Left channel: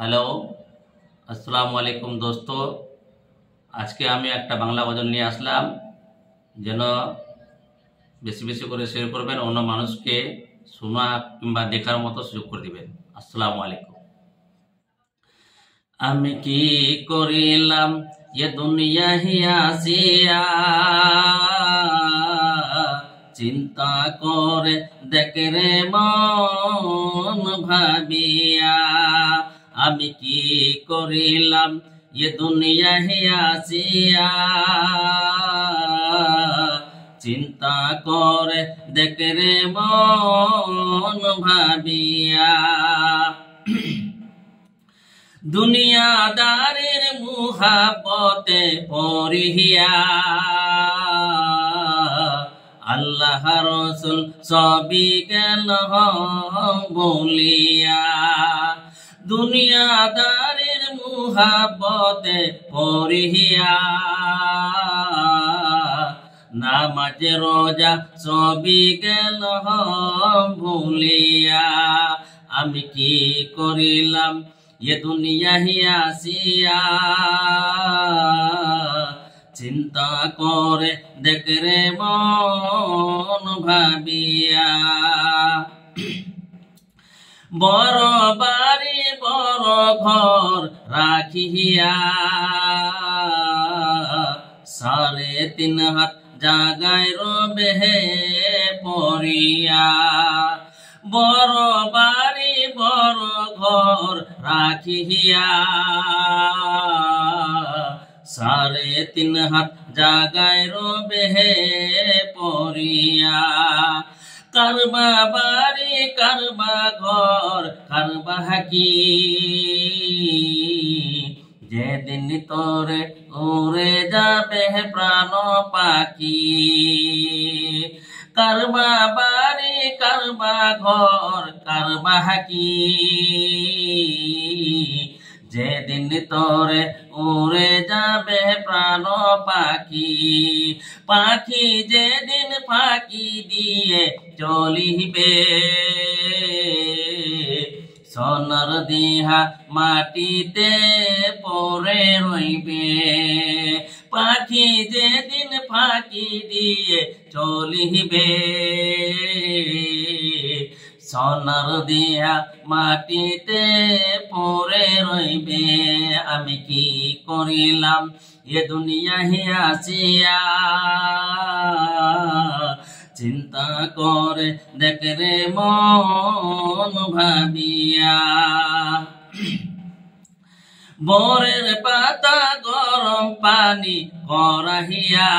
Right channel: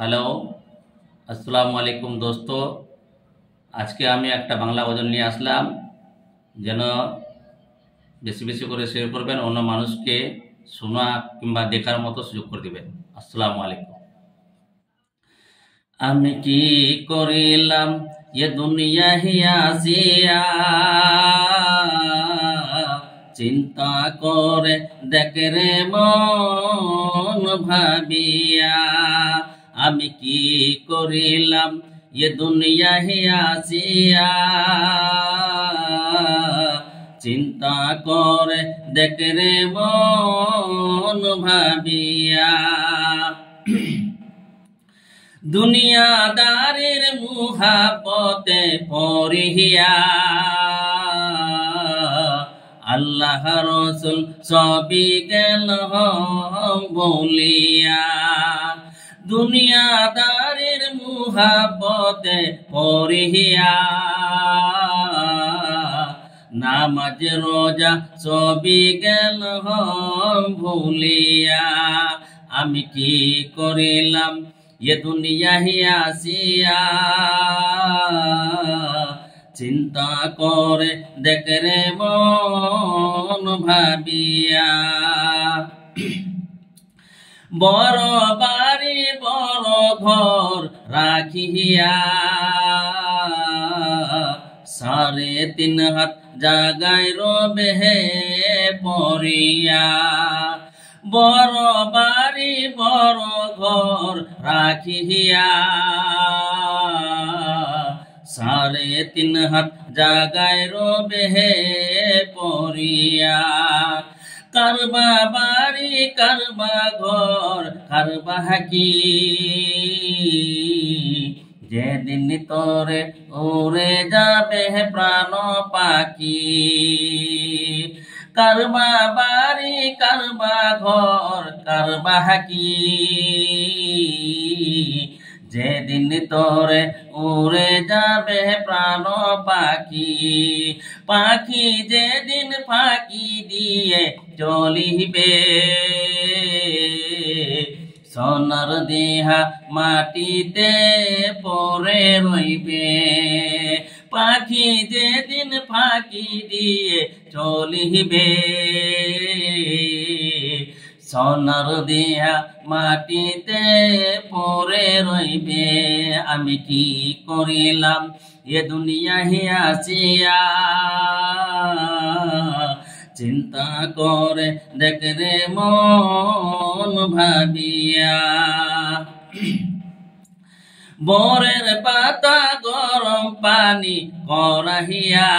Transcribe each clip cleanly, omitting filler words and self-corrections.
Hello, আসসালামু আলাইকুম দোস্ত। আজকে আমি একটা বাংলা গজল নিয়ে আসলাম, যেন বেশি বেশি করে শেয়ার করবেন, অন্য মানুষকে শোনা কিংবা দেখার মতো সুযোগ করে দিবেন। আসসালামু আলাইকুম। আমি কি করিলাম এ দুনিয়া হিয়াসিয়া, চিন্তা করে দেখে রে মন ভাবিয়া। আমি কি করিলাম এ দুনিয়া হিয়াসিয়া, চিন্তা করে দেখে রে মন ভাবিয়া। দুনিয়াদারের মুহাব্বতে পড়িয়া, আল্লাহ রসুল সবই গেল বলিয়া। দুনিয়াদারের মুহাব্বতে পড়িয়া, নামাজ রোজা সবই গেল ভুলিয়া। আমি কি করিলাম এ দুনিয়া হিয়াসিয়া, চিন্তা করে দেখে রে মন ভাবিয়া। বড় বাড়ি বড় ঘর রাখিয়া, 3.5 হাত জাগায় রবে পড়িয়া। বড় বাড়ি বড় ঘর রাখিয়া, 3.5 হাত জাগায় রবে পড়িয়া। কারবা বাড়ি কারবা ঘর কারবা হাকি, যেদিন তোরে উড়ে যাবে প্রাণ পাখি। কারবা বাড়ি কারবা ঘর কারবা হাকি, যেদিন তোরে উড়ে যাবে প্রাণ পাখি। পাখি যেদিন ফাঁকি দিয়ে চলিবে, সোনার দেহা মাটিতে পড়ে রইবে। পাখি যেদিন ফাঁকি দিয়ে চলিবে, সোনার দেহা মাটিতে পড়ে রইবে। আমি কি করিলাম এ দুনিয়া হিয়াসিয়া, চিন্তা করে দেখে রে মন ভাবিয়া। বরের পাতা গরম পানি করাইয়া,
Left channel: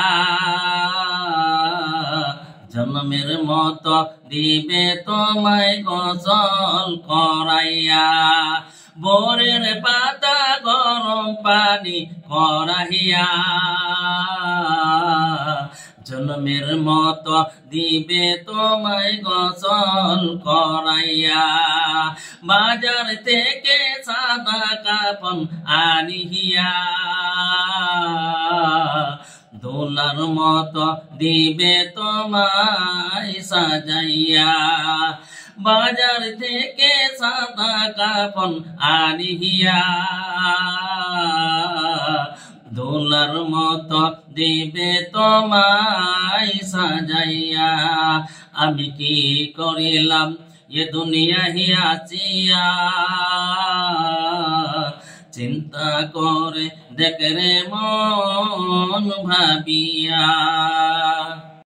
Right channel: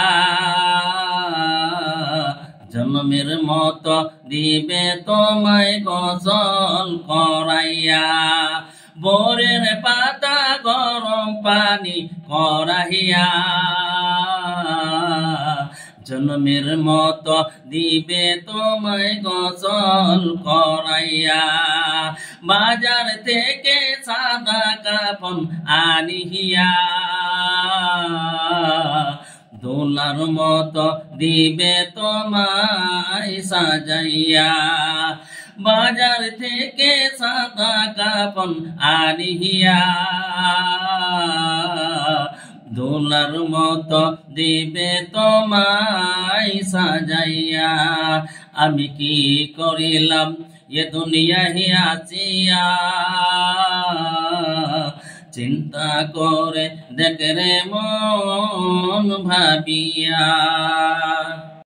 জন্মের মতো দিবে তোমায় গোসল করাইয়া। বরের পাতা গরম পানি করাইয়া, জন্মের মতো দিবে তোমায় গোসল করাইয়া। বাজার থেকে সাদা কাফন আনিয়া, দোলার মতো দিবে তোমায় সাজাইয়া। বাজার থেকে সাদা কাফন আনিয়া, দোলার মতো দিবে তোমায় সাজাইয়া। আমি কি করিলাম এ দুনিয়া হিয়াসিয়া, চিন্তা করে দেখে রে মন ভাবিয়া।